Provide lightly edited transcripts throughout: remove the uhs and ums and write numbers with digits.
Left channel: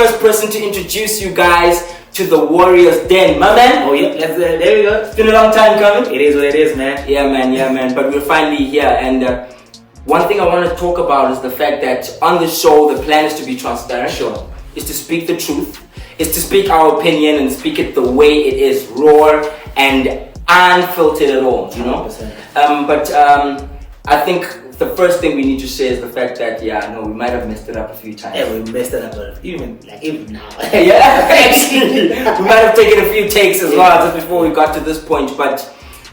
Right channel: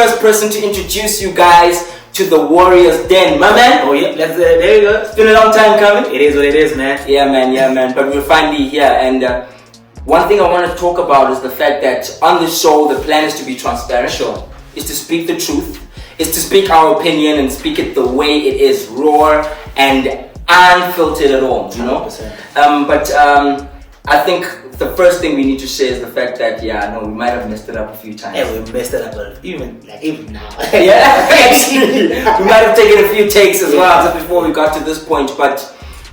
first person to introduce you guys to the Warriors Den, my man. Oh yeah, there you go. It's been a long time coming. It is what it is, man. Yeah, man. But we're finally here, and one thing I want to talk about is the fact that on the show, the plan is to be transparent. Sure. Is to speak the truth. Is to speak our opinion and speak it the way it is, raw and unfiltered at all. You know. 100%. I think the first thing we need to say is the fact that we might have messed it up a few times. Yeah, we messed it up, even now. Yeah, actually, we might have taken a few takes as well just before we got to this point. But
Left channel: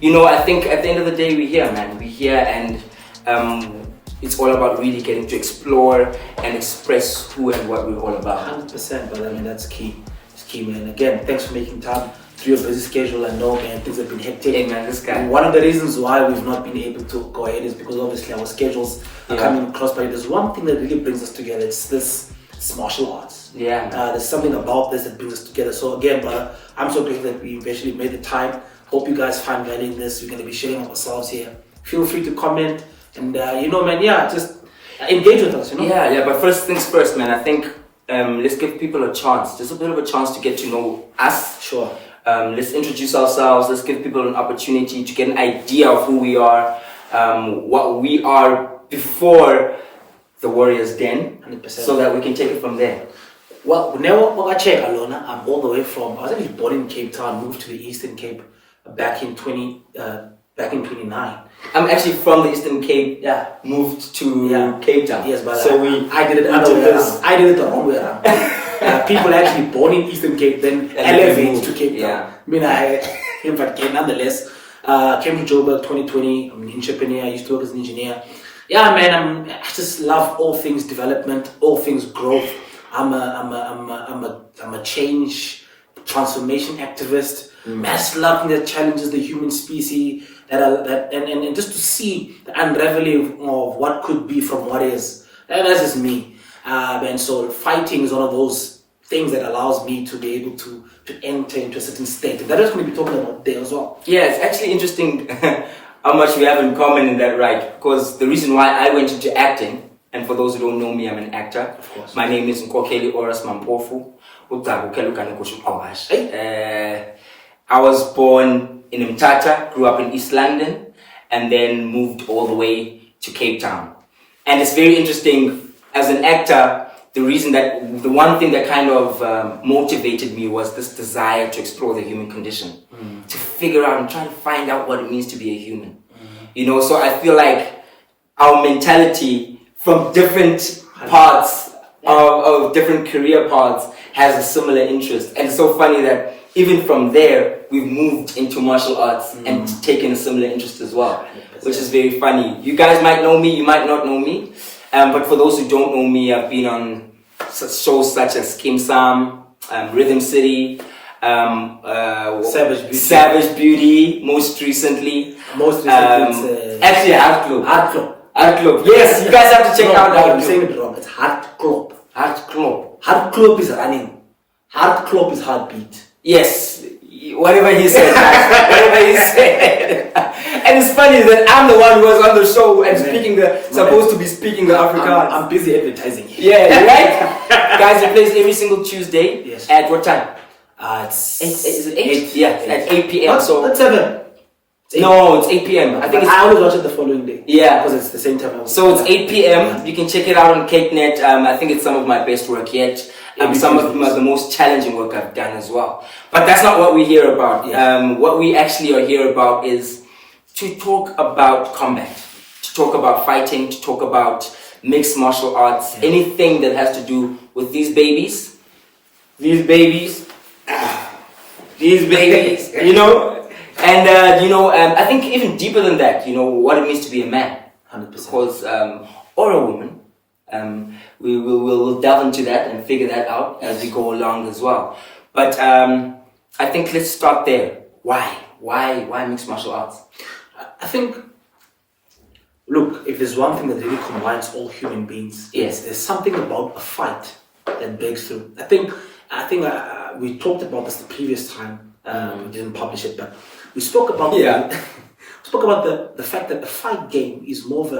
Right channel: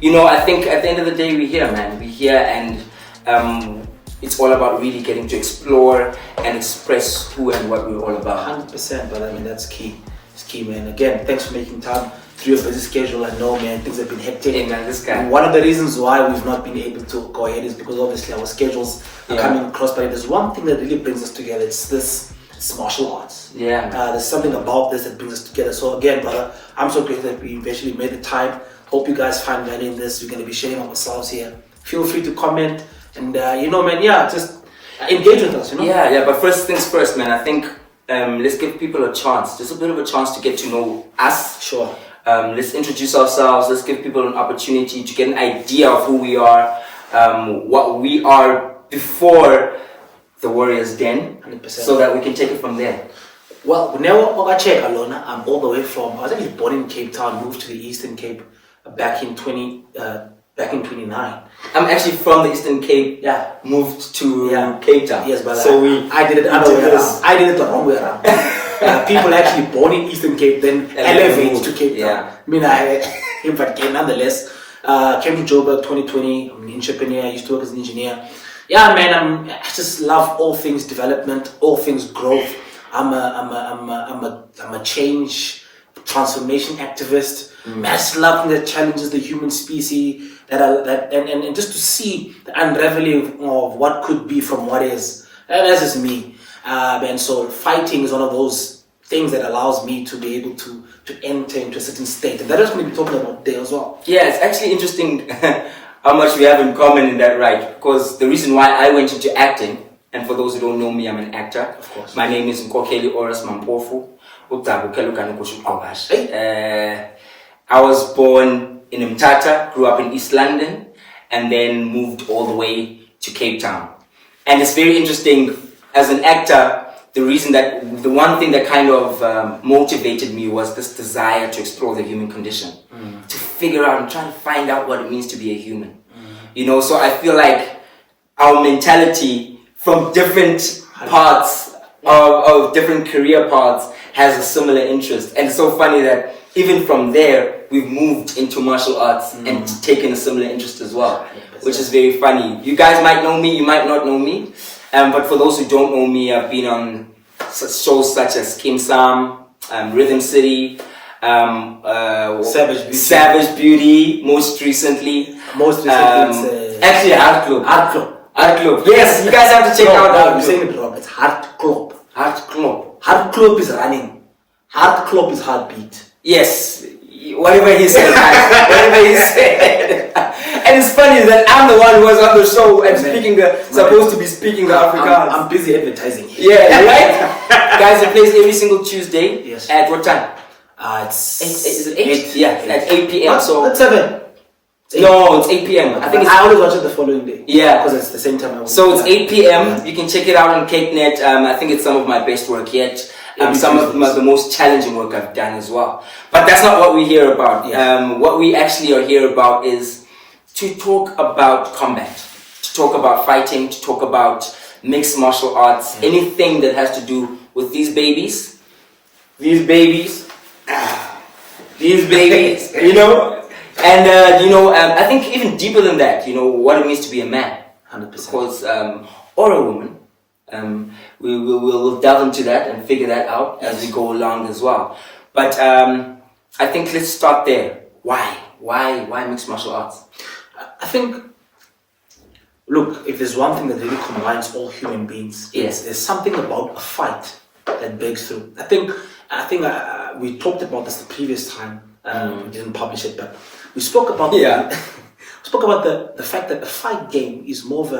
I think at the end of the day, we're here, man. We're here, and it's all about really getting to explore and express who and what we're all about. 100%, but I mean that's key. It's key, man. Again, thanks for making time through your busy schedule. I know, man, things have been hectic. Hey, man, this guy. One of the reasons why we've not been able to go ahead is because obviously our schedules are coming across. But there's one thing that really brings us together. It's martial arts. Yeah. There's something about this that brings us together. So again, brother, I'm so grateful that we eventually made the time. Hope you guys find value in this. We're going to be sharing ourselves here. Feel free to comment and man, just engage with us. Yeah. But first things first, man. I think let's give people a chance, just a bit of a chance to get to know us. Sure. Let's introduce ourselves. Let's give people an opportunity to get an idea of who we are, what we are before the Warriors Den, 100%. so that we can take it from there. Well, now I check Alona. I'm all the way from. I was actually born in Cape Town, moved to the Eastern Cape back in 29. I'm actually from the Eastern Cape. Yeah, moved to Cape Town. Yes, but so I did it the other way around. I did it the wrong way around. People actually born in Eastern Cape, then elevate to Cape Town. But nonetheless, came to Joburg 2020. I'm an entrepreneur. I used to work as an engineer. Yeah, man, I just love all things development, all things growth. I'm a change, transformation activist. I just love the challenges the human species and just to see the unraveling of what could be from what is. And that's just me. And so fighting is one of those things that allows me to be able to enter into a certain state. And that is what we'll be talking about there as well. Yeah, it's actually interesting how much we have in common in that, right? Because the reason why I went into acting, and for those who don't know me, I'm an actor. Of course. My name is Nkokeli Oras Mampofu. I was born in Mthatha, grew up in East London, and then moved all the way to Cape Town. And it's very interesting, as an actor, the one thing that kind of motivated me was this desire to explore the human condition, to figure out and try to find out what it means to be a human. So I feel like our mentality from different parts of different career paths has a similar interest. And it's so funny that even from there, we've moved into martial arts and taken a similar interest as well, which is very funny. You guys might know me, you might not know me. But for those who don't know me, I've been on shows such as Kim Sam, Rhythm City, Savage Beauty, most recently. Actually, Art Club. Yes, you guys have to check out Art Club. I'm saying it wrong. It's Art Club. Art Club. Art Club is running. Art Club is heartbeat. Yes, whatever he said. And it's funny that I'm the one who was on the show and supposed to be speaking the Afrikaans. I'm busy advertising. Yeah, right? Guys, it plays every single Tuesday. Yes. At what time? It's 8. Is it 8? Yeah, at 8 p.m. So that's 7. No, it's 8 p.m. I always watch it the following day. Yeah. Because it's the same time. So it's 8 p.m. You can check it out on CakeNet. I think it's some of my best work yet. Some of the most challenging work I've done as well. But that's not what we hear about. Yes. What we actually are here about is to talk about combat, to talk about fighting, to talk about mixed martial arts, anything that has to do with these babies, And I think even deeper than that, what it means to be a man, 100%. Because or a woman. We'll delve into that and figure that out as we go along as well. But I think let's start there. Why mixed martial arts? I think, look, if there's one thing that really combines all human beings, there's something about a fight that breaks through. I think we talked about this the previous time. We didn't publish it, but we spoke about the fact that the fight game is more of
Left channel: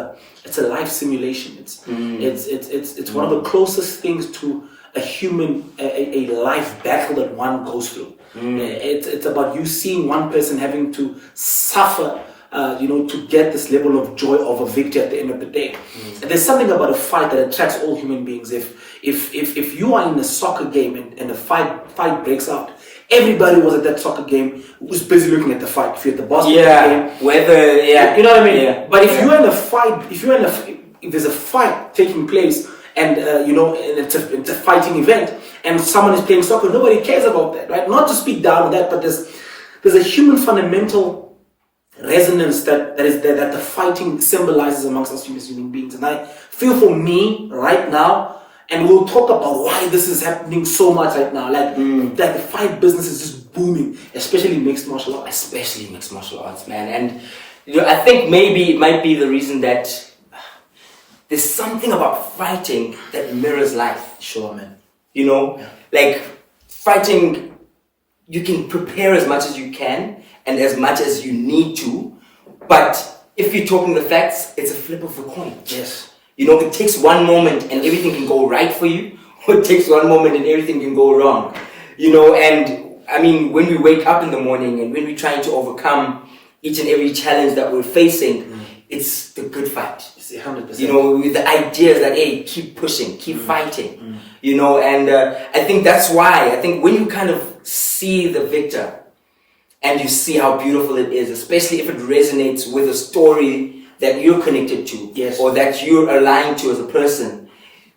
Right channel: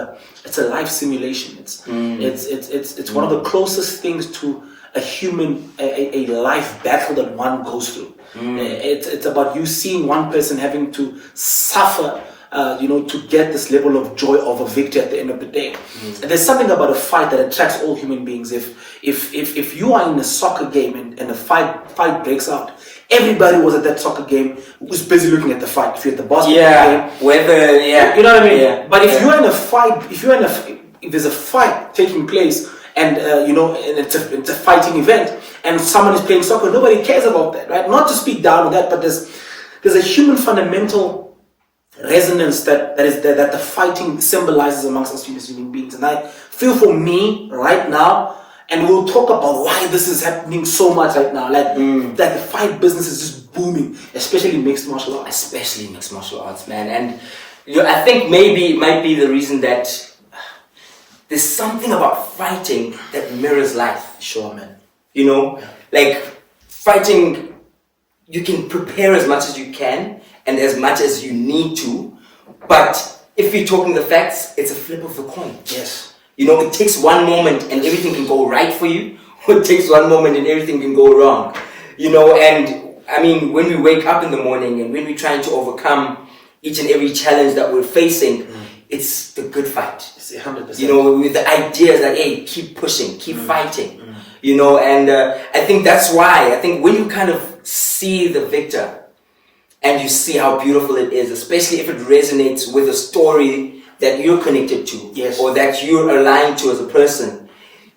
it's a life simulation. It's one of the closest things to a human, a life battle that one goes through. It's about you seeing one person having to suffer, to get this level of joy of a victory at the end of the day. And there's something about a fight that attracts all human beings. If you are in a soccer game and a fight breaks out, everybody was at that soccer game was busy looking at the fight. If you're at the basketball game, whether you know what I mean. Yeah. But if you're in a fight, if there's a fight taking place, and and it's a fighting event, and someone is playing soccer, nobody cares about that, right? Not to speak down on that, but there's a human fundamental resonance that the fighting symbolizes amongst us human beings. And I feel for me right now, and we'll talk about why this is happening so much right now, that the fight business is just booming, especially mixed martial arts. Especially mixed martial arts, man. And I think maybe it might be the reason that there's something about fighting that mirrors life. Sure, man. Like fighting, you can prepare as much as you can and as much as you need to, but if you're talking the facts, it's a flip of the coin. Yes. It takes one moment and everything can go right for you, or it takes one moment and everything can go wrong. And I mean, when we wake up in the morning and when we're trying to overcome each and every challenge that we're facing, it's the good fight. It's 100%. With the ideas that, hey, keep pushing, keep fighting. And I think that's why, when you kind of see the victor and you see how beautiful it is, especially if it resonates with a story that you're connected to, yes, or that you're aligned to as a person,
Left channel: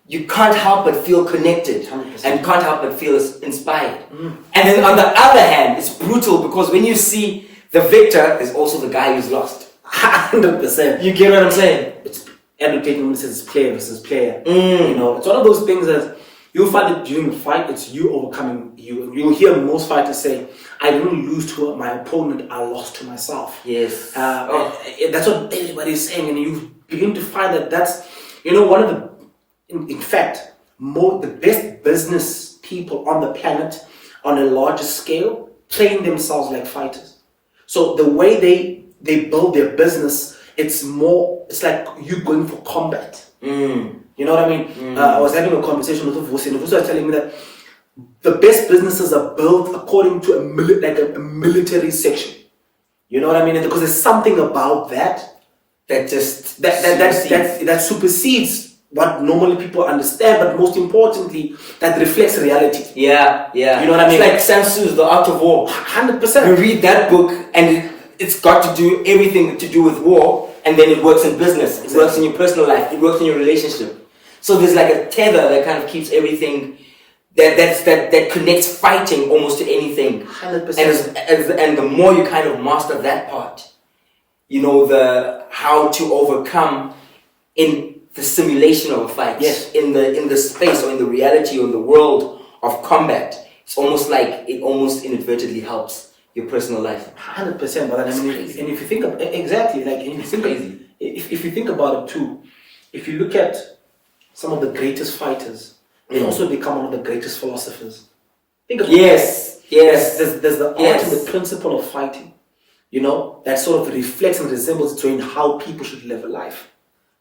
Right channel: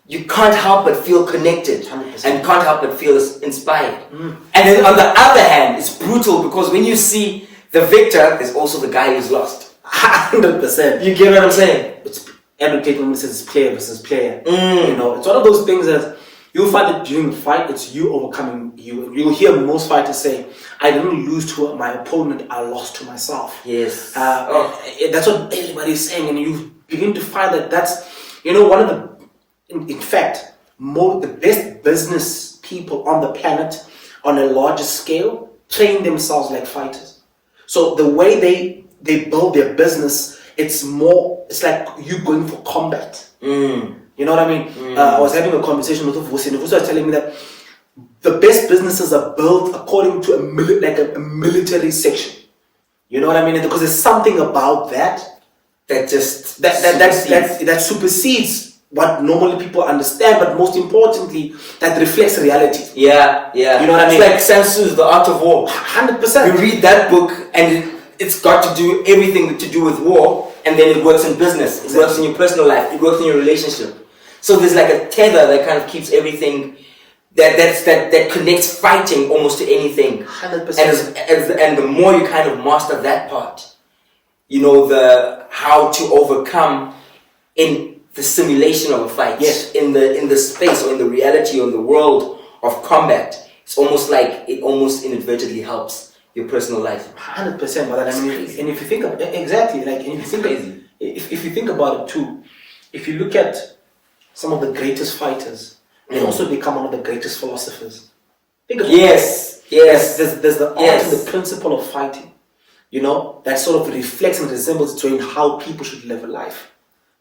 you can't help but feel connected 100%. And can't help but feel inspired. And then on the other hand, it's brutal because when you see the victor, there's also the guy who's lost. 100%. You get what I'm saying? It's educating versus player versus player. It's one of those things that you'll find it during the fight, it's you overcoming you. You'll hear most fighters say, I didn't lose to my opponent, I lost to myself. Yes. That's what everybody's saying, and you begin to find that that's, one of the, in fact, the best business people on the planet on a larger scale train themselves like fighters. So the way they build their business, it's like you going for combat. You know what I mean? I was having a conversation with Vusi, and Vusi was telling me that the best businesses are built according to a military section. You know what I mean? Because there's something about that that supersedes what normally people understand, but most importantly, that reflects reality. Yeah. You know what I mean? It's like Sun Tzu's The Art of War. 100%. You read that book, and it's got to do everything to do with war, and then it works in business. It works in your personal life. It works in your relationship. So there's like a tether that kind of keeps everything that connects fighting almost to anything. 100%. And the more you kind of master that part, the how to overcome in the simulation of a fight, yes, in the space or in the reality or in the world of combat, it's almost like it almost inadvertently helps your personal life. 100%. But I mean, and if you think of exactly, like, if you think about it too, if you look at some of the greatest fighters, they also become one of the greatest philosophers. Think about yes. There's the art and the principle of fighting, that sort of reflects and resembles between how people should live a life.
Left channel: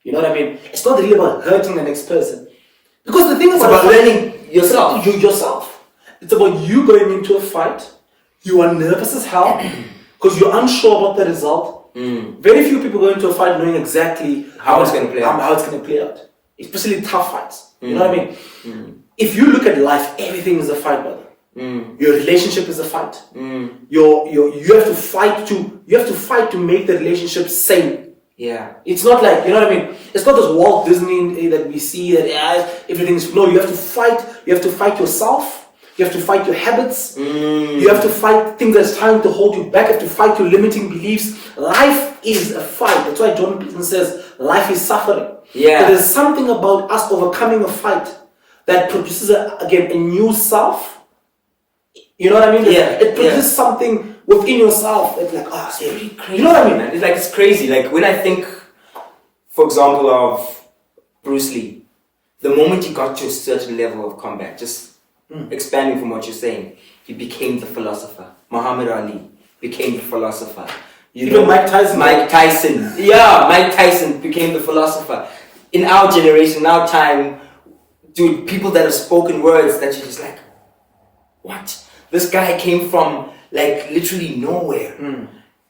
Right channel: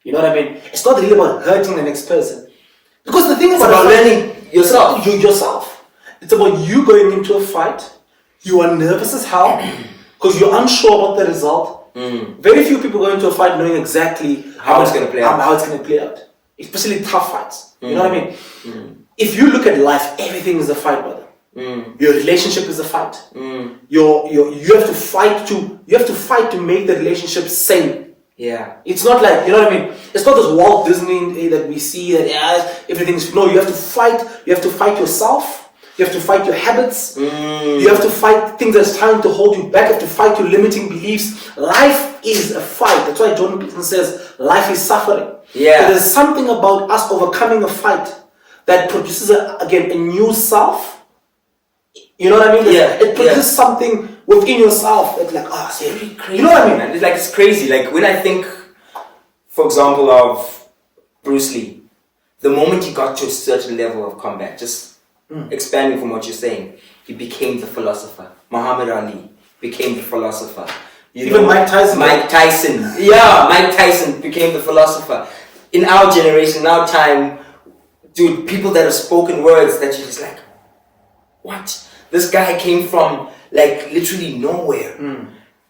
You know what I mean? It's not really about hurting the next person, because the thing is about learning yourself. Yourself. It's about you going into a fight. You are nervous as hell because you're unsure about the result. Very few people go into a fight knowing exactly how it's going to play out. How it's going to play out. Especially tough fights. You know what I mean? If you look at life, everything is a fight, brother. Your relationship is a fight. You have to fight to make the relationship sane. Yeah. It's not like, you know what I mean? It's not this Walt Disney that we see that everything's, no, you have to fight. You have to fight yourself. You have to fight your habits. You have to fight things that's trying to hold you back. You have to fight your limiting beliefs. Life is a fight. That's why Jordan Peterson says life is suffering. Yeah. So there's something about us overcoming a fight that produces a new self. You know what I mean? Yeah. It produces something within yourself that's like, it's really crazy. You know what I mean? Man? It's crazy. Like when I think, for example, of Bruce Lee, the moment he got to a certain level of combat, just expanding from what you're saying, he became the philosopher. Muhammad Ali became the philosopher. Even Mike Tyson. Mike Tyson became the philosopher. In our generation, in our time, dude, people that have spoken words that you're just like, what? This guy came from like literally nowhere.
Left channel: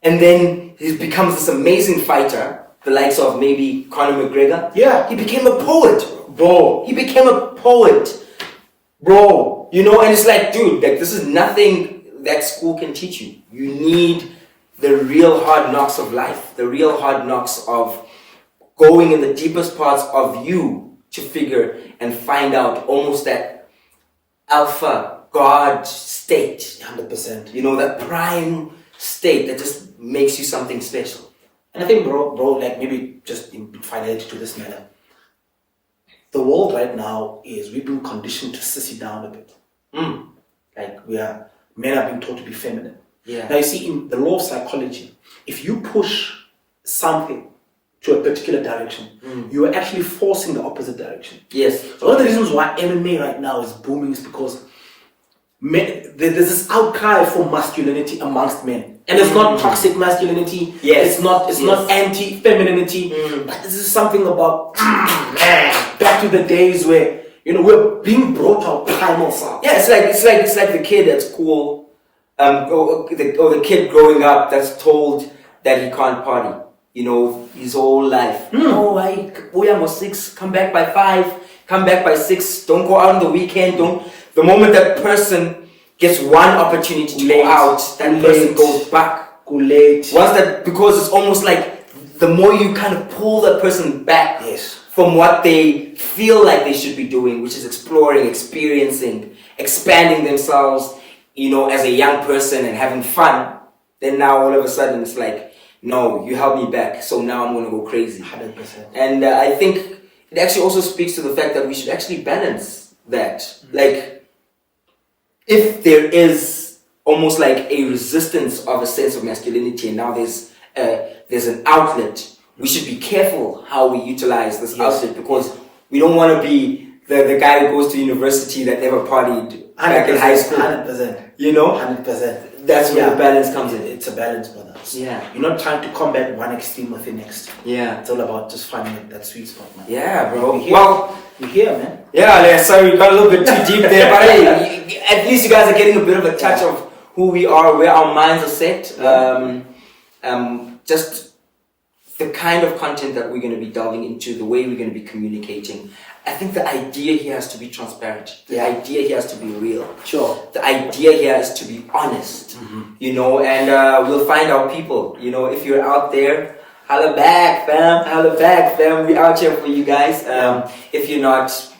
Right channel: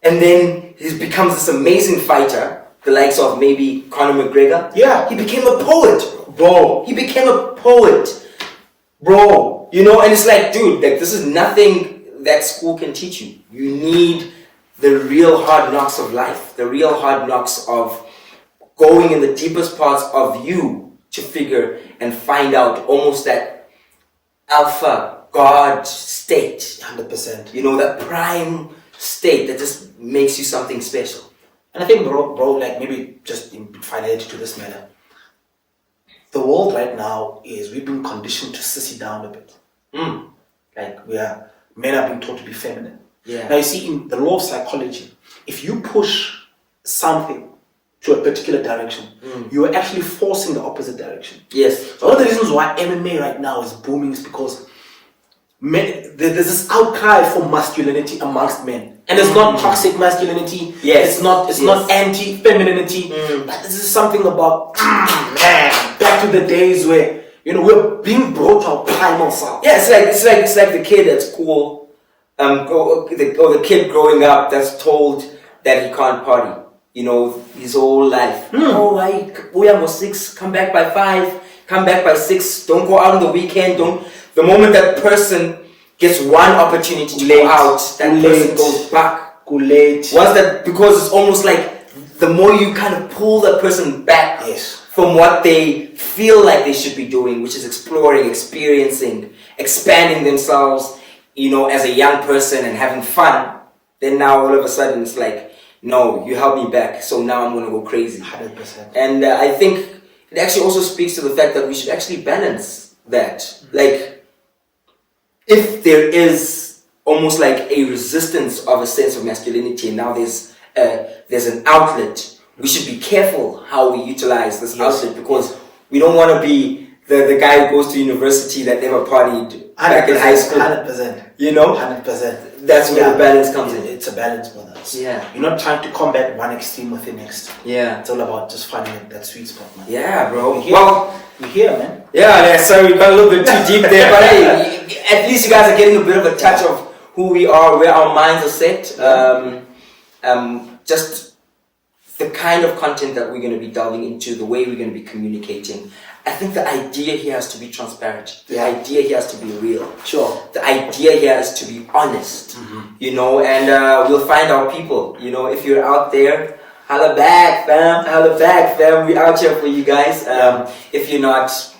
And then he becomes this amazing fighter, the likes of maybe Conor McGregor. Yeah. He became a poet, Bro. He became a poet. Bro. You know, and it's like, dude, like this is nothing that school can teach you. You need the real hard knocks of life, the real hard knocks of going in the deepest parts of you to figure and find out almost that alpha God state. 100%. You know, that prime state that just makes you something special. And I think, bro, like maybe just in finality to this matter, the world right now is, we've been conditioned to sissy down a bit. Like men are being taught to be feminine. Yeah. Now you see, in the law of psychology, if you push something to a particular direction, you are actually forcing the opposite direction. Yes. So one of the reasons why MMA right now is booming is because there's this outcry for masculinity amongst men. And it's not toxic masculinity. Yes. It's not anti-femininity. But this is something about back to the days where, you know, we're being brought to our primal self. Yeah, it's like the kid at school, or the kid growing up that's told that he can't party. You know, his whole life. Oh, I was 6, come back by 5, come back by 6, don't go out on the weekend, the moment that person gets one opportunity to go out, that person goes back. Late. Once that, because it's almost like the more you kind of pull that person back from what they feel like they should be doing, which is exploring, experiencing, expanding themselves, you know, as a young person and having fun, then now all of a sudden it's like, no, you held me back, so now I'm going to go crazy. 100%. And I think it actually also speaks to the fact that we should actually balance that. Like, if there is almost like a resistance of a sense of masculinity, and now there's an outlet, we should be careful how we utilize this outlet, because we don't want to be the guy who goes to university that never partied back in high school. 100%. You know? 100%. That's where the balance comes in. It's a balance, brother. Yeah. You're not trying to combat one extreme with the next. Yeah. It's all about just finding that sweet spot, man. Yeah, bro. You're here, man. Yeah, sorry, we got a little bit too deep there, but hey, at least you guys are getting a bit of a touch of who we are, where our minds are set. Just the kind of content that we're going to be delving into, the way we're going to be communicating. I think the idea here has to be transparent. The idea here has to be real. Sure. The idea here is to be honest, you know, and we'll find our people. You know, if you're out there, holla back, fam. Holla back, fam. We're out here for you guys. If you're not, so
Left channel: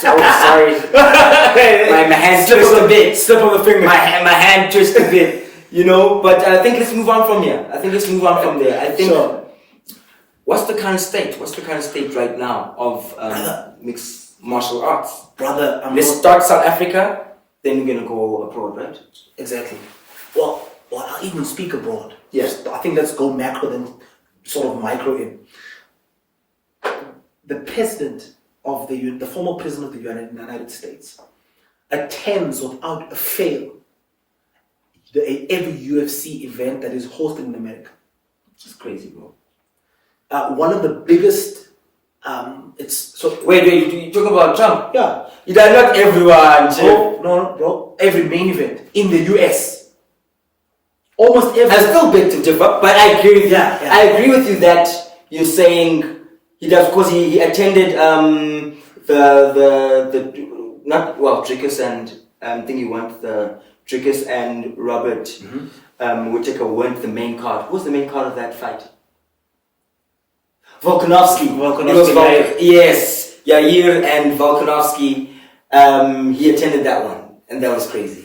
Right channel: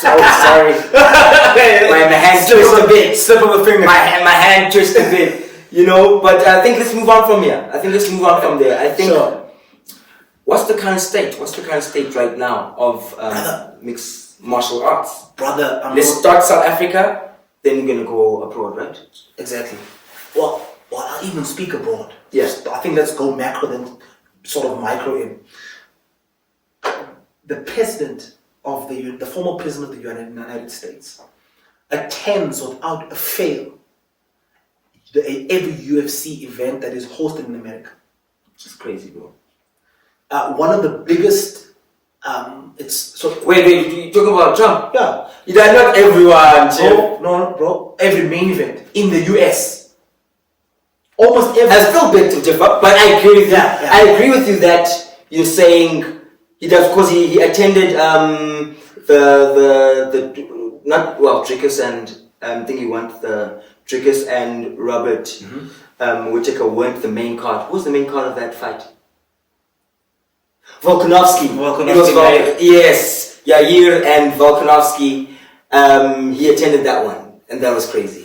sorry. my hand twisted a bit. Slip of the finger. My hand twisted a bit. You know, but I think let's move on from here. I think let's move on from there. I think. Sure. What's the current state? What's the current state right now of mixed martial arts? Brother, let's start South Africa, then we're gonna go abroad, right? Exactly. Well, I'll even speak abroad. Yes. I think let's go macro then sort of micro in. The president of the former president of the United States attends without a fail every UFC event that is hosted in America. It's crazy, bro. One of the biggest, Wait, you talk about Trump? Yeah. Not everyone, No, bro. Every main event in the US. Almost every. I still beg to differ, but I agree with you. Yeah. I agree with you that you're saying he does, because he attended Drickus and I think he went the Drickus and Robert Whittaker weren't the main card. Who was the main card of that fight? Volkanovski. Yes, Yair and Volkanovski. He attended that one, and that was crazy.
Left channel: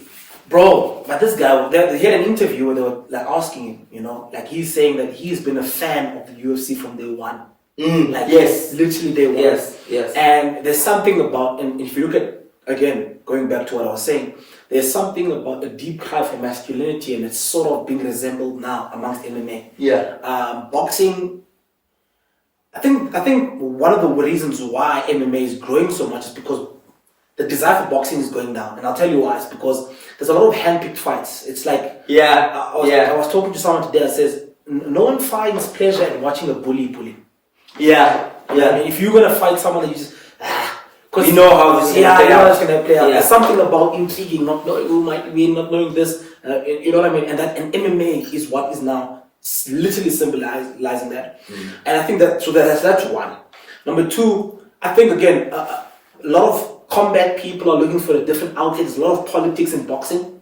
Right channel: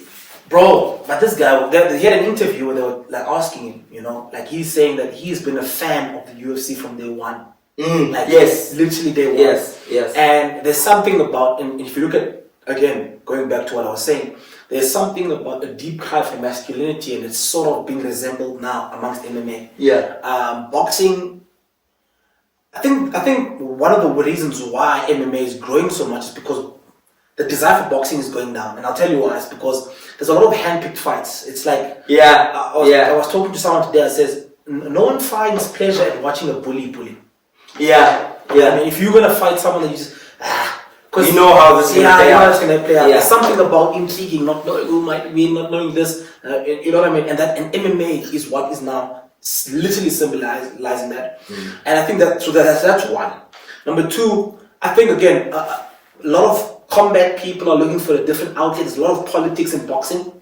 Bro, but this guy, they had an interview where they were like asking him, you know, like he's saying that he's been a fan of the UFC from day one. Yes. Literally day one. Yes. And there's something about, and if you look at, again, going back to what I was saying, there's something about a deep cry for masculinity, and it's sort of being resembled now amongst MMA. Yeah. Boxing, I think one of the reasons why MMA is growing so much is because the desire for boxing is going down, and I'll tell you why. It's because there's a lot of hand-picked fights. It's like I was talking to someone today that says no one finds pleasure at watching a bully. Yeah. I mean, if you're gonna fight someone that you just We know how this is going to play out. It's going to play out. There's something about intriguing, not knowing who might be, not knowing this. You know what I mean? And MMA is what is now literally symbolizing that. And I think that's one. Number two, I think again, a lot of combat people are looking for a different outlet. There's a lot of politics in boxing.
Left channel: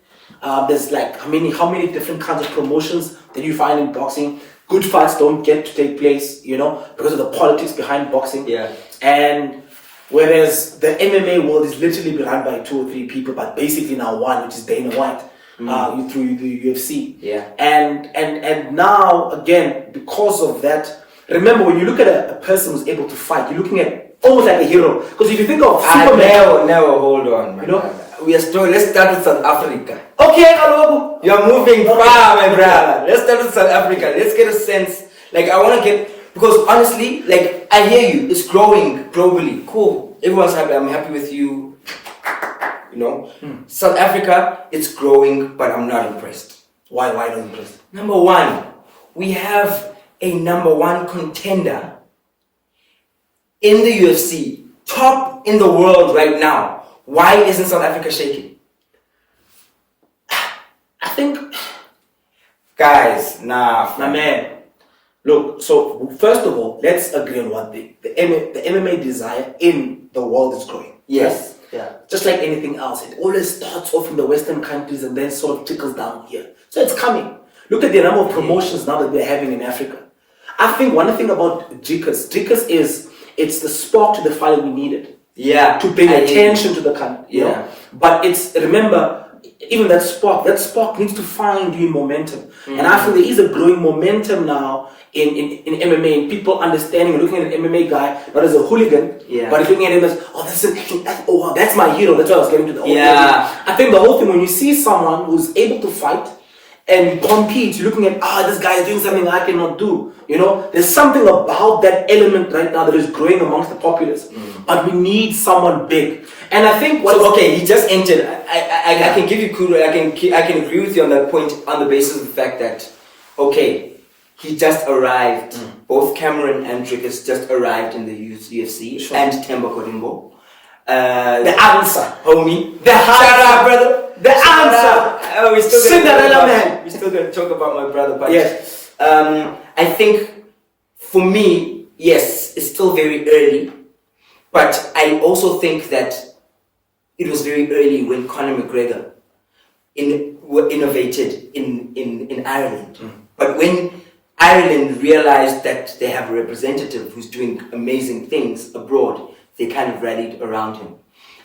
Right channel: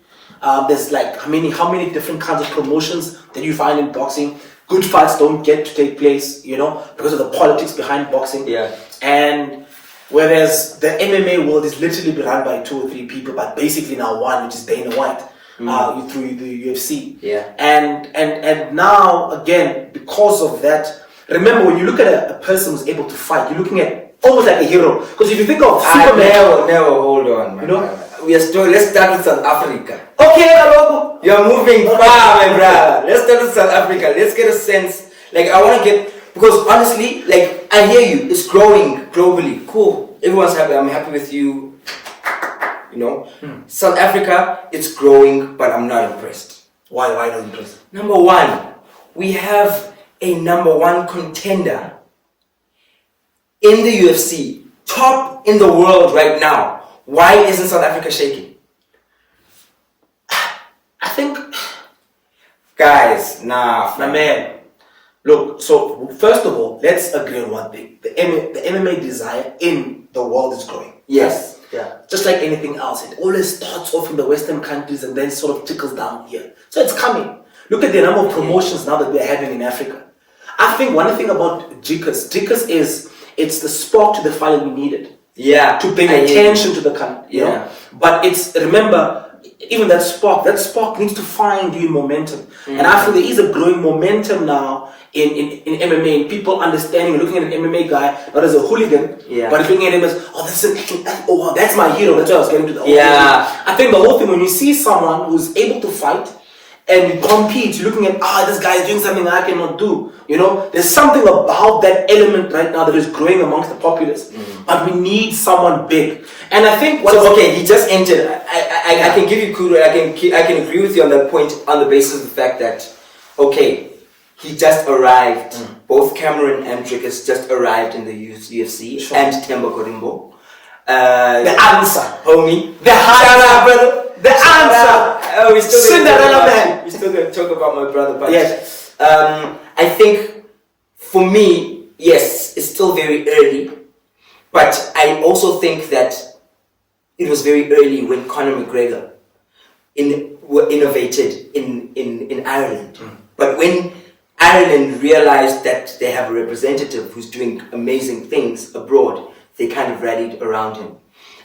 There's like how many different kinds of promotions that you find in boxing. Good fights don't get to take place, because of the politics behind boxing. Yeah. And whereas the MMA world is literally run by 2 or 3 people, but basically now one, which is Dana White, through the UFC. Yeah. And now again, because of that, remember when you look at a person who's able to fight, you're looking at almost like a hero. Because if you think of Superman, never hold on, man. Let's start with South Africa. Okay, hello. You're moving far, my brother. Let's start with South Africa. Let's get a sense. I want to get, because honestly, I hear you. It's growing globally. Cool. Everyone's happy. I'm happy with you. South Africa, it's growing, but I'm not impressed. Why not impressed? Number one, we have a number one contender in the UFC, top in the world right now. Why isn't South Africa shaking? I think, guys, nah, man. Look, so first of all, let's agree on one thing: the MMA desire in the world is growing. Yes. Yeah. Just like anything else, it always starts off in the Western countries and then sort of trickles down here. So it's coming. Look at the number of promotions now that we're having in Africa. I think one thing about Drickus is it's the spark to the fire we needed. Yeah. To bring attention to the country. Yeah. But remember, even that spark needs to find you momentum. And I feel there is a growing momentum now in MMA, and people understanding and looking at an MMA guy not as a hooligan, but looking at him as, that's my hero. That's why I was getting to the whole thing. I think the whole thing, when you see someone who's able to fight and compete, you're looking at, this guy is doing something I cannot do. There's something about that element right now that is growing amongst the populace. But we need someone big. And I think he just entered. I can give you kudos. I can agree with you on that point on the basis of the fact that, he just arrived. Both Cameron and Drickus just arrived in the UFC, and Themba Gorimbo. The answer, homie. The answer, shout out, brother. The answer. We're still Cinderella man. We're still gonna talk about my brother, but yes. I think for me, yes, it's still very early, but I also think that it was very early when Conor McGregor innovated in Ireland. But when Ireland realized that they have a representative who's doing amazing things abroad, they kind of rallied around him.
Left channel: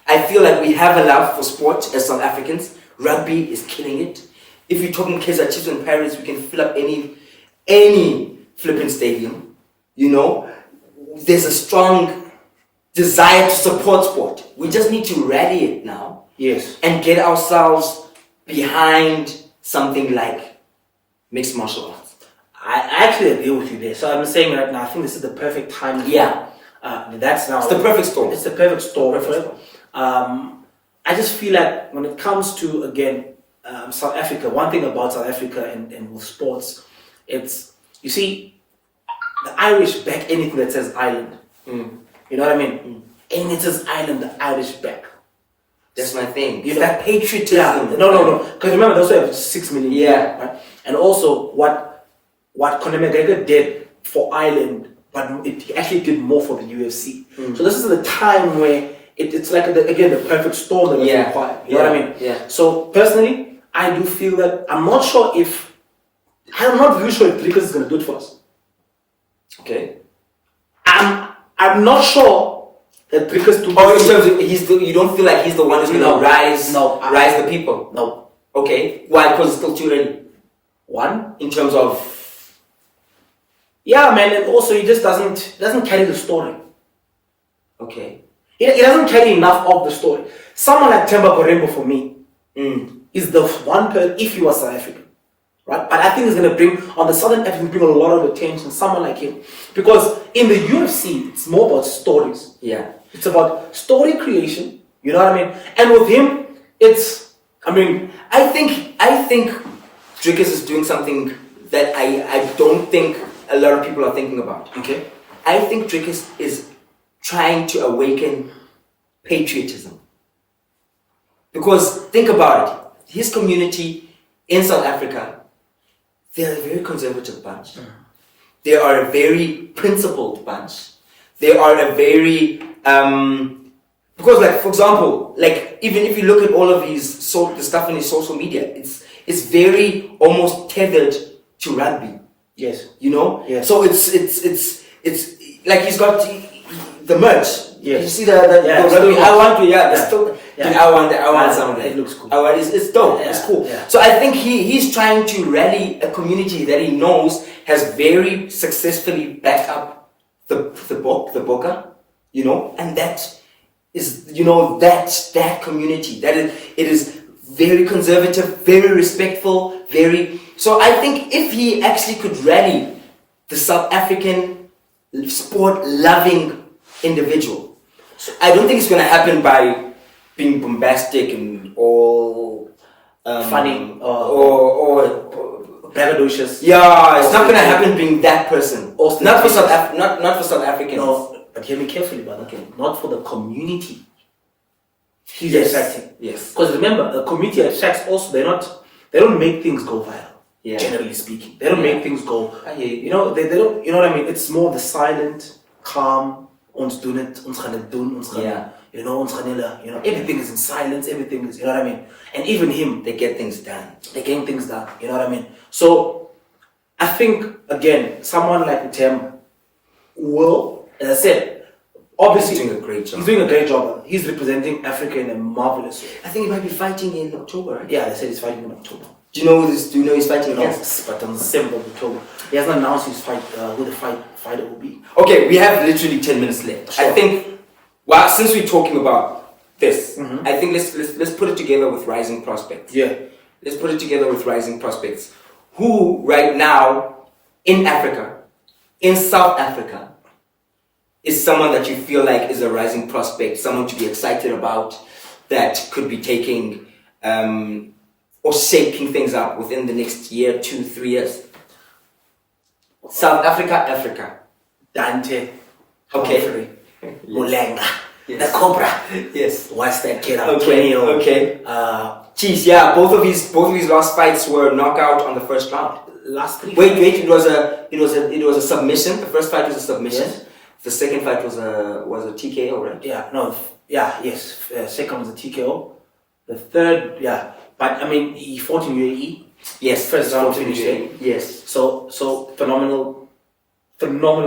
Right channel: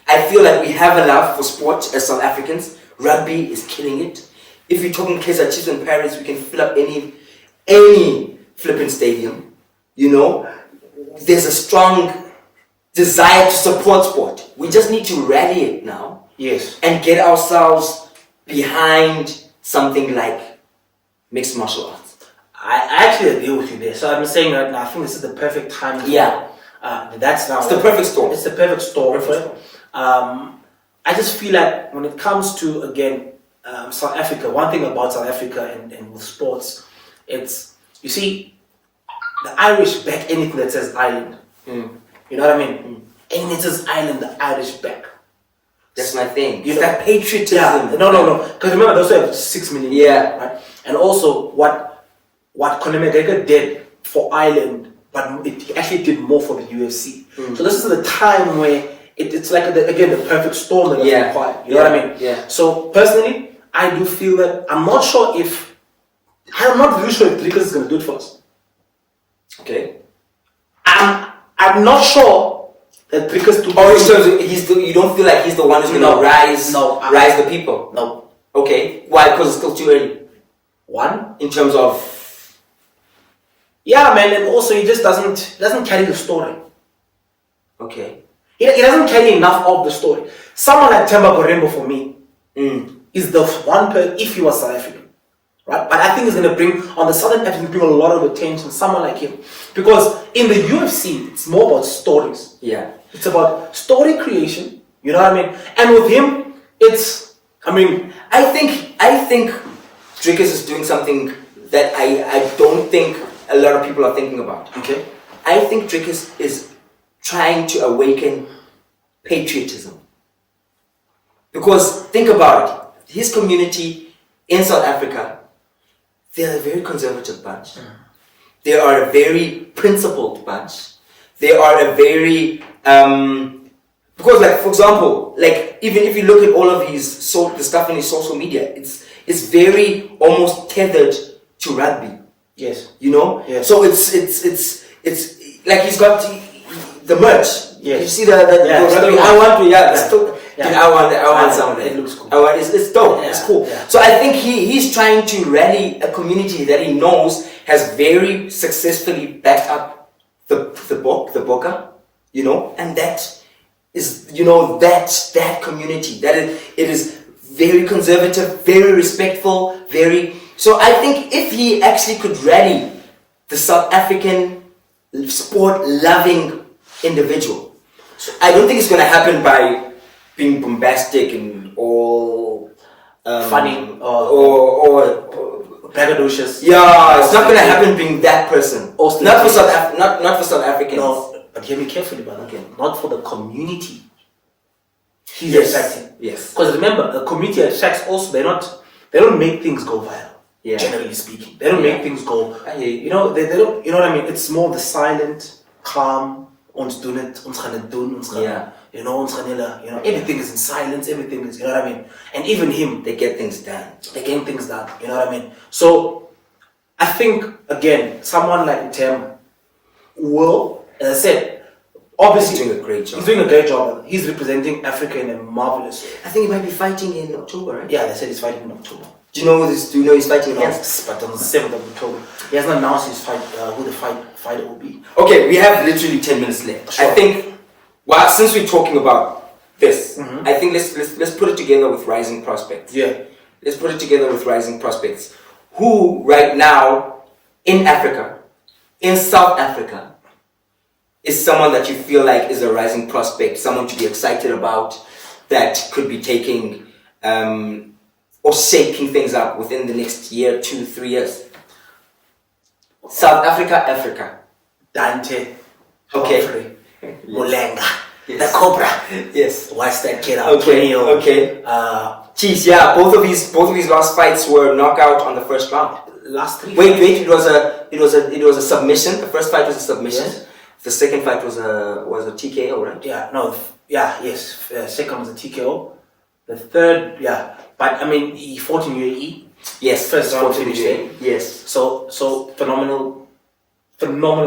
I feel like we have a love for sport as South Africans. Rugby is killing it. If you're talking Kaizer Chiefs in Paris, we can fill up any flipping stadium. There's a strong desire to support sport. We just need to rally it now. Yes. And get ourselves behind something like mixed martial arts. I actually agree with you there. So I'm saying right now, I think this is the perfect time. Yeah. That's now. It's the perfect storm. It's the perfect storm. I just feel like when it comes to, again, South Africa, one thing about South Africa and with sports, it's, you see, the Irish back anything that says island. You know what I mean? Anything that says island, the Irish back. That's my thing. It's that patriotism. Yeah. No. Because remember, they also have 6 million. Yeah. Right? And also, what Conor McGregor did for Ireland, but it actually did more for the UFC. So this is the time where it's like, the perfect storm that was required. You know what I mean? Yeah. So personally, I do feel that I'm not really sure if Drickus is going to do it for us. Okay. I'm not sure that Drickus you don't feel like he's the one who's going to rise the people? No. Okay. Why? Because it's still too early. One, in terms of. Yeah, man, and also he just doesn't carry the story. Okay. He doesn't carry enough of the story. Someone like Themba Gorimbo for me is the one person, if he was South African, right? But I think he's going to bring, on the Southern African, bring a lot of attention, someone like him. Because in the UFC, it's more about stories. Yeah. It's about story creation, you know what I mean? And with him, I think Drickus is doing something that I don't think a lot of people are thinking about. Okay. I think Drickus is trying to awaken patriotism. Because think about it, his community in South Africa, they're a very conservative bunch. They are a very principled bunch. They are a very because, like, for example, like, even if you look at all of the stuff in his social media, it's very almost tethered to rugby. Yes. You know? Yes. So it's like he's got the merch. Yes. You see the rugby. I want some of that. It looks cool. It's dope. Yeah. It's cool. Yeah. So I think he's trying to rally a community that he knows has very successfully backed up the Boca, you know, and that is, you know, that community that it is very conservative, very respectful, very. So I think if he actually could rally the South African sport-loving individual, I don't think it's going to happen by being bombastic and all funny or braggadocious. Yeah, it's not going to happen being that person. Not for South Africans. No, but hear me carefully, brother. Okay. Not for the community. He's Yes. attracting. Yes. Because remember, the community attracts also. They don't make things go viral. Yeah. Generally speaking, they don't make things go. I hear you. You know, they don't. You know what I mean? It's more the silent, calm. Ons doen het. Ons gaan het doen. Ons gaan. Yeah. You know, ons gaan hele. You know, everything is in silence. Everything is. You know what I mean? And even him, They get things done. they're getting things done. You know what I mean? So, I think again, someone like Themba will, as I said, obviously He's doing a great job. He's doing a great job. He's representing Africa in a marvelous way. I think he might be fighting in October, right? Yeah, they said he's fighting in October. Do you know this? Do you know he's fighting against? Yes, but on the 7th of October. He hasn't announced his fight, who the fighter will be. Okay, we have literally 10 minutes left. Sure. I think, well, since we're talking about this, I think let's put it together with Rising Prospects. Yeah. Let's put it together with Rising Prospects. Who right now in Africa, in South Africa, is someone that you feel like is a rising prospect, someone to be excited about, that could be taking or shaking things up within the next year, 2, 3 years? South Africa. Dante. Okay. Humphrey, Yes. Mulenga. Yes. The Cobra. Yes. Watch that kid out. Okay. 20-year-old. Okay. Jeez, yeah. Both of his last fights were knockout on the first round. Last 3. Wait. It was a submission. The first fight was a submission. Yes. The second fight was a TKO, right? Yeah, no, yeah, yes. Second was a TKO. The third, yeah. But I mean, he fought in UAE. Yes. First round fought in finish. UAE. Yes. So phenomenal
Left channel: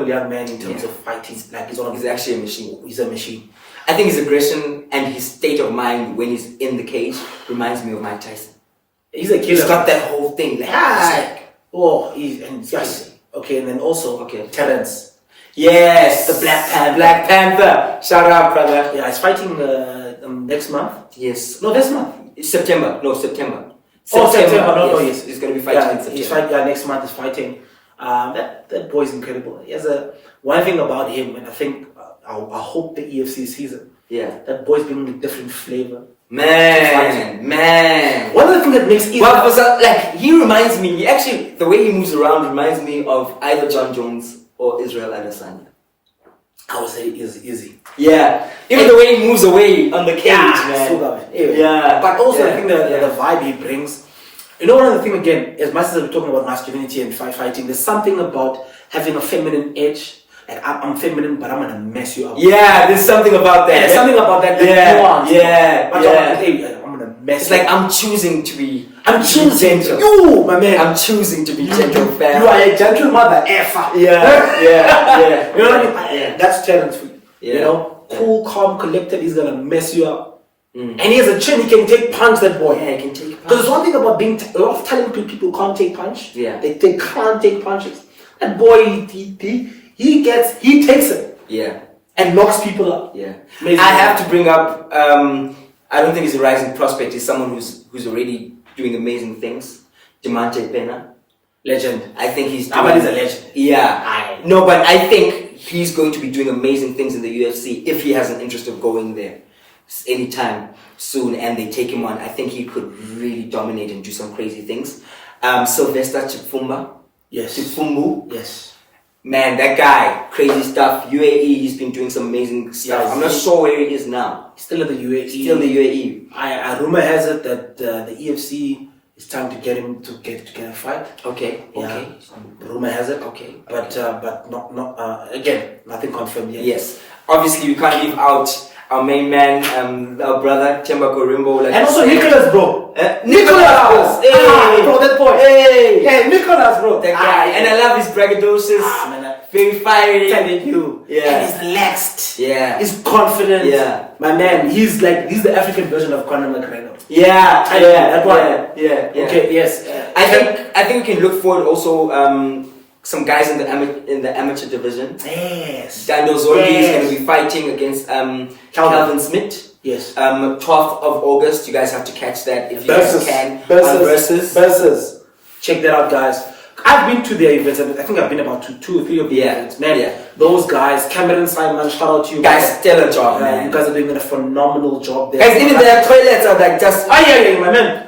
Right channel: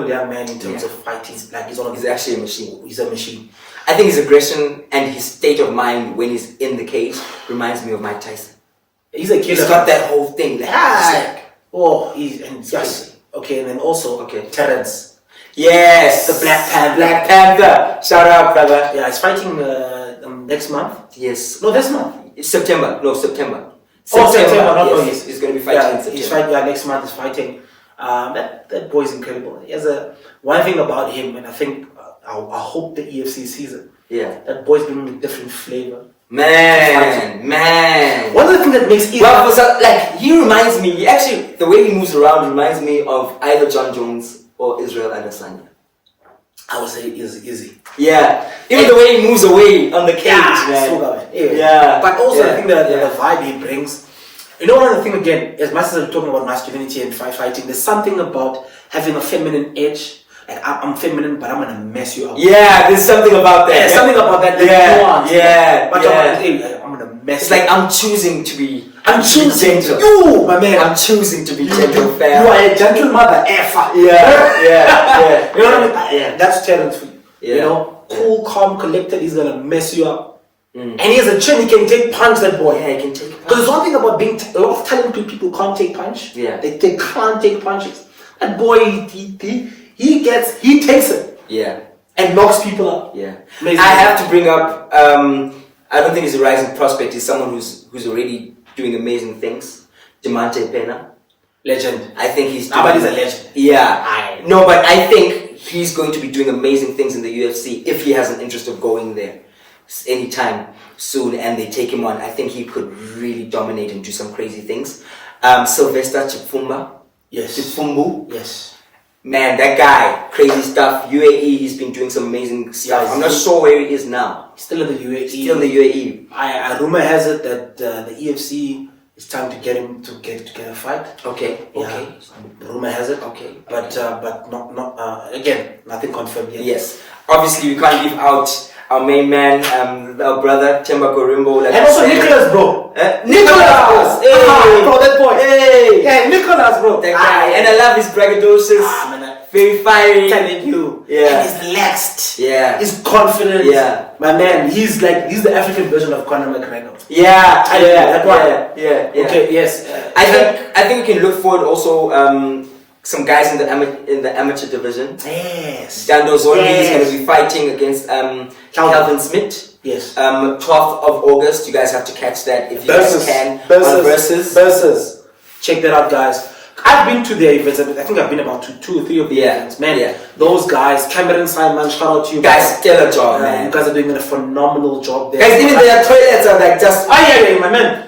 young man in terms of fighting. Like He's actually a machine. He's a machine. I think his aggression and his state of mind when he's in the cage reminds me of Mike Tyson. He's a killer. He's got that whole thing. Like, Yes. Okay, and then also Terrence. Yes, The Black Panther. Black Panther. Shout out, brother. Yeah, he's fighting next month. Yes. No, this month. It's September. No, September. September. Yes. He's going to be fighting in September. He's fighting. Yeah, next month he's fighting. That boy's incredible. He has one thing about him, and I think I hope the EFC sees it. Yeah. That boy's bringing a different flavor. Man. One of the things that makes it he reminds me. The way he moves around reminds me of either John Jones or Israel Adesanya. I would say it is easy. Yeah. Even the way he moves away on the cage, man. Yeah. But also I think the vibe he brings. You know, one of the things, again, as much as we're talking about masculinity and fighting, there's something about having a feminine edge. Like, I'm feminine, but I'm going to mess you up. Yeah, there's something about that. Yeah, something about that. I'm going to mess It's like I'm choosing to be... I'm choosing gentle. You, my man. I'm choosing to be gentle, fam. You are a gentle mother, effer. Yeah. You know what I mean? Yeah. That's challenge for you. Yeah. You know? Cool, calm, collected, he's going to mess you up. And he has a chin, he can take punch, that boy. Yeah, he can take punch. Because there's one thing about being a lot of talented people can't take punch. Yeah. They can't take punches. That boy, he takes it. Yeah. And knocks people up. Yeah. Amazing. I have to bring up, I don't think he's a rising prospect, he's someone who's already doing amazing things. Diamante Pena. Legend. I think he's doing... Nobody's a legend. Yeah. No, but I think he's going to be doing amazing things in the UFC if he has an interest of going there anytime soon and they take him on. I think he could really dominate and do some crazy things. Sylvester Chipfumba. Yes. Chipfumbu. Yes. Man, that guy, crazy stuff. UAE, he's been doing some amazing stuff. I'm not sure where he is now. Still in the UAE. Still in the UAE. I rumor has it that the EFC, it's time to get him to get a fight. Okay. Yeah. Okay. Rumor has it. Okay. But not again, nothing confirmed yet. Yes. Obviously, we can't leave out our main man, our brother Themba Gorimbo. And also Nicholas, bro. Nicholas! Hey! Bro, that boy. Hey! Yeah, Nicholas, bro. That guy. And I love his braggadocious. Very fiery. Telling you. Yeah. And he's relaxed. Yeah. He's confident. Yeah. My man, he's the African version of Conor McGregor. Yeah. That one. Yeah. Okay, yes. I think we can look forward also some guys in the amateur division. Yes. Dando Zondi is going to be fighting against Calvin Smith. Yes. 12th of August. You guys have to catch that if you guys can. Versus. Check that out, guys. I've been to their events. I think I've been about two or three of the events. Man, those guys, Cameron Simon, shout out to you guys. Stellar job, man. You guys are doing a phenomenal job there. Guys, even their toilets are like just... yeah, my man.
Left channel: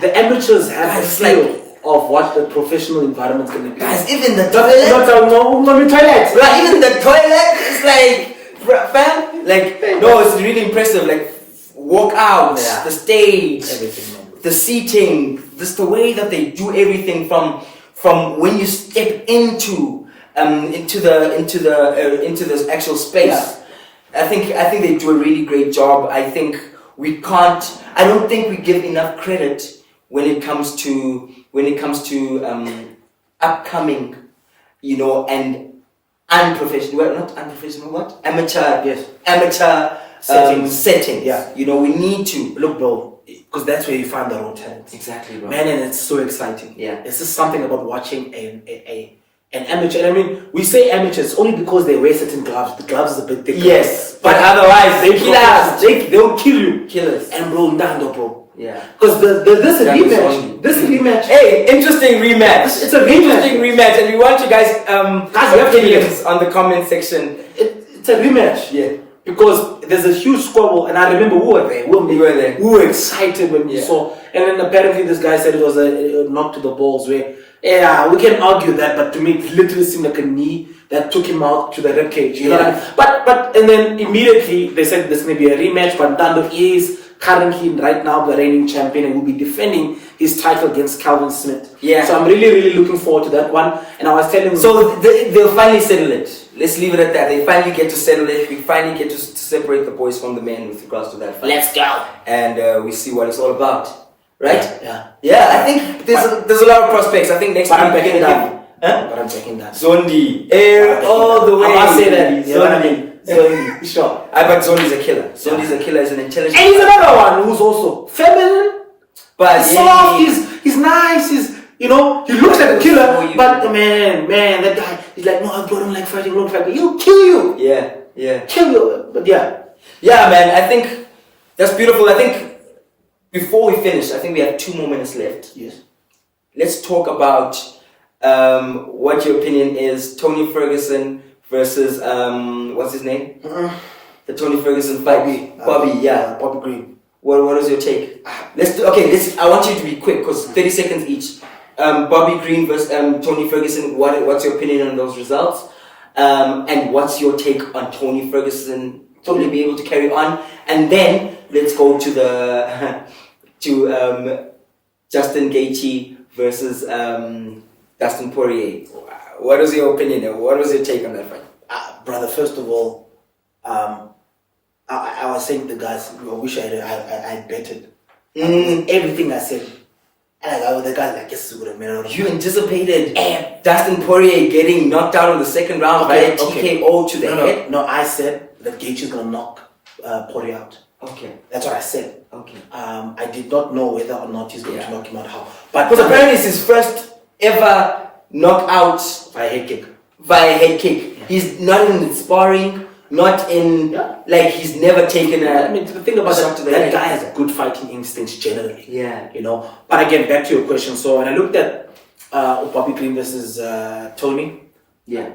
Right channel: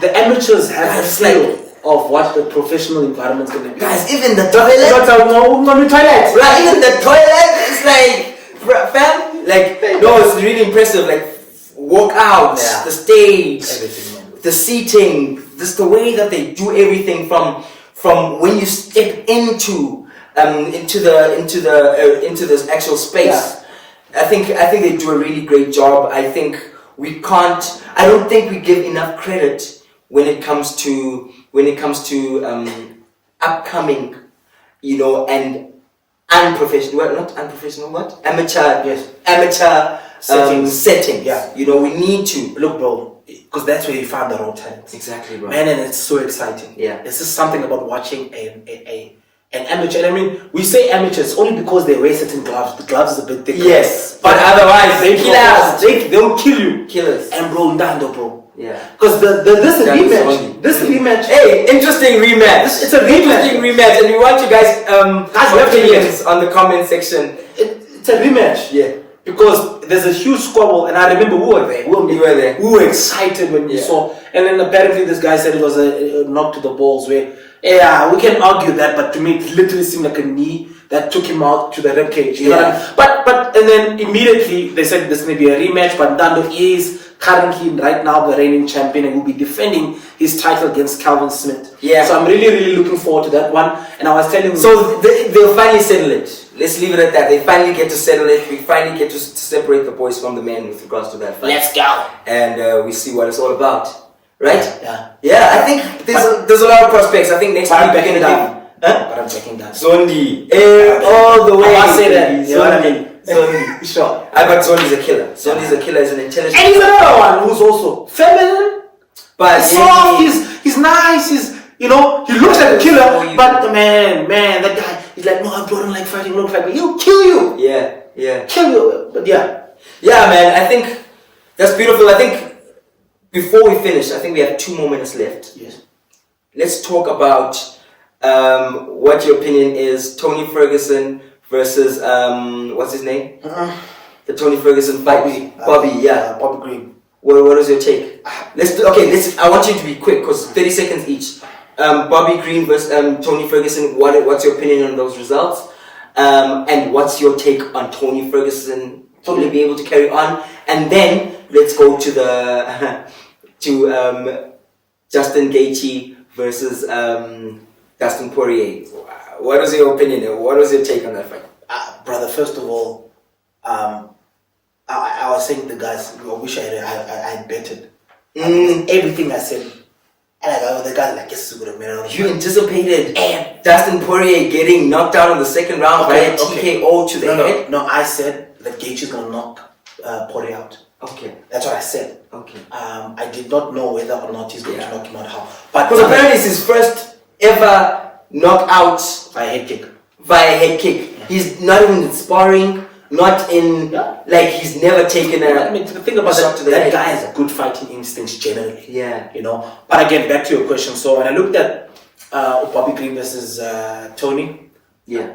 The amateurs have a feel of what the professional environment's going to be. Guys, even the toilet... toilet. Right, even the toilet is like... Fam? Like, no, it's really impressive. Like, walk out, the stage, everything, man. The seating, just the way that they do everything from when you step into this actual space. I think they do a really great job. I don't think we give enough credit when it comes to upcoming, and unprofessional. Well, not unprofessional. What? Amateur. Yes. Amateur settings. Yeah. We need to look, bro. Because that's where you find the raw talent. Exactly, bro. Man, and it's so exciting. Yeah. It's just something about watching an amateur. And I mean, we say amateurs only because they wear certain gloves. The gloves is a bit thicker. Yes. But otherwise, they kill us. They'll kill you. Killers. And bro, Ndando, bro. Yeah. Because this rematch. Hey, interesting rematch. It's a rematch. Interesting rematch. And we want you guys opinions on the comment section. It's a rematch. Yeah. Because there's a huge squabble, and I remember we were there. We were excited when we saw. And then apparently this guy said it was a knock to the balls. Where we can argue that, but to me it literally seemed like a knee that took him out to the ribcage. You know what I mean? But and then immediately they said there's going to be a rematch. But Ndando is currently right now the reigning champion and will be defending his title against Calvin Smith. Yeah. So I'm really looking forward to that one. And I was telling you. So they'll finally settle it. Let's leave it at that. They finally get to settle it. We finally get to separate the boys from the men with regards to that fight. Let's go. And we see what it's all about. Right? Yeah. I think there's a lot of prospects. I think next week we're going to give... But I'm checking that. Zondi. All the way. I must say that. You know what I mean? Zondi. Sure. But Zondi's a killer. Zondi's a killer. He's an intelligent... And he's another one who's also feminine. But he's soft. He's nice. He looks like a killer, but man, that guy, he's like, no, I don't like fighting, but he'll kill you. Yeah. Kill you, but yeah. Yeah, man, I think that's beautiful. I think before we finish, I think we have 2 more minutes left. Yes. Let's talk about what your opinion is. Tony Ferguson versus, what's his name? The Tony Ferguson fight. Bobby, Bobby Green. What is your take? I want you to be quick, because 30 seconds each. Bobby Green versus Tony Ferguson. What's your opinion on those results? And what's your take on Tony Ferguson totally be able to carry on? And then let's go to the Justin Gaethje versus Dustin Poirier. What is your opinion? What was your take on that fight? Brother, first of all, I was saying to the guys, I wish I betted. Everything I said. And the guy yes, you anticipated Dustin Poirier getting knocked out in the second round by a TKO to the head? No, I said that Gaethje is going to knock Poirier out. Okay. That's what I said. Okay. I did not know whether or not he's going to knock him out. How? But because apparently it's his first ever knockout by a head kick. He's not even in sparring. Not in, he's never taken a... I mean, the thing about that guy has a good fighting instinct generally. Yeah. But again, back to your question. So when I looked at Bobby Green versus Tony,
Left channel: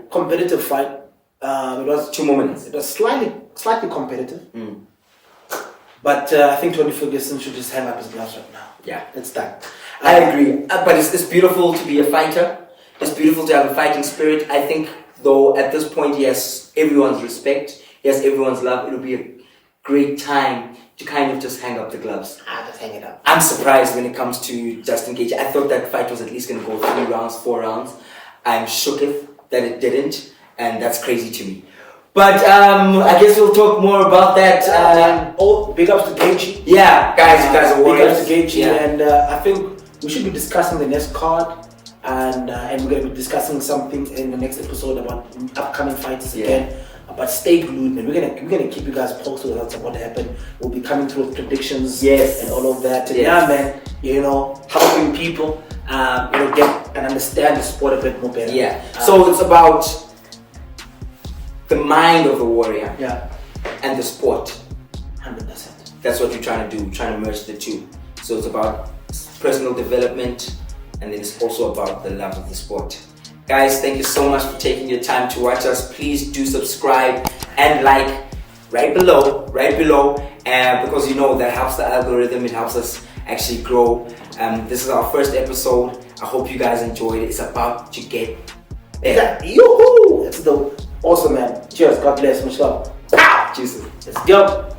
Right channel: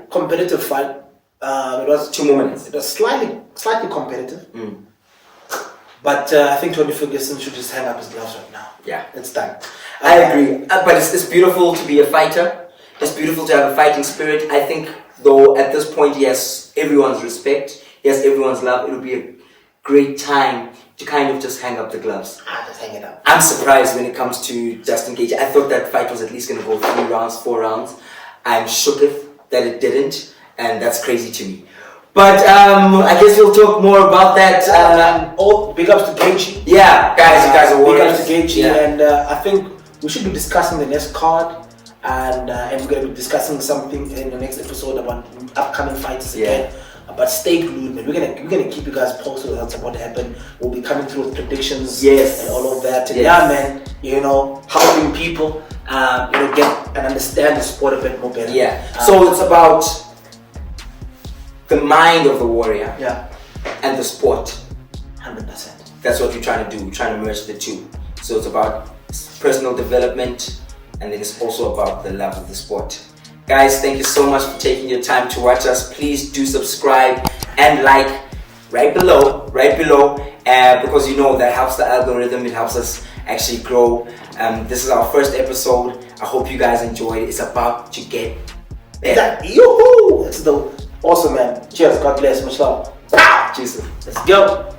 competitive fight. It was 2 more minutes. It was slightly competitive. But I think Tony Ferguson should just hang up his gloves right now. Yeah. It's done. I agree. But it's beautiful to be a fighter. It's beautiful to have a fighting spirit. I think, though, at this point, he has everyone's respect. he has everyone's love. It'll be a great time to kind of just hang up the gloves. Just hang it up. I'm surprised when it comes to Justin Gage. I thought that fight was at least going to go 3 rounds, 4 rounds. I'm shook that it didn't, and that's crazy to me. But I guess we'll talk more about that. Big ups to Gaethje. Yeah, guys, you guys are warriors. Big ups to Gaethje, and I think we should be discussing the next card, and we're going to be discussing something in the next episode about upcoming fights again. But stay glued, man. We're gonna keep you guys posted on what happened. We'll be coming through with predictions, and all of that. And man, helping people, get and understand the sport a bit more better. Yeah. So it's about the mind of the warrior. Yeah. And the sport. 100%. That's what we're trying to do. We're trying to merge the two. So it's about personal development, and then it's also about the love of the sport. Guys, thank you so much for taking your time to watch us. Please do subscribe and like right below, because that helps the algorithm. It helps us actually grow. This is our first episode. I hope you guys enjoyed it. It's about to get better. Yoo-hoo! That's awesome, man. Cheers. God bless. Much love. Jesus. Let's go.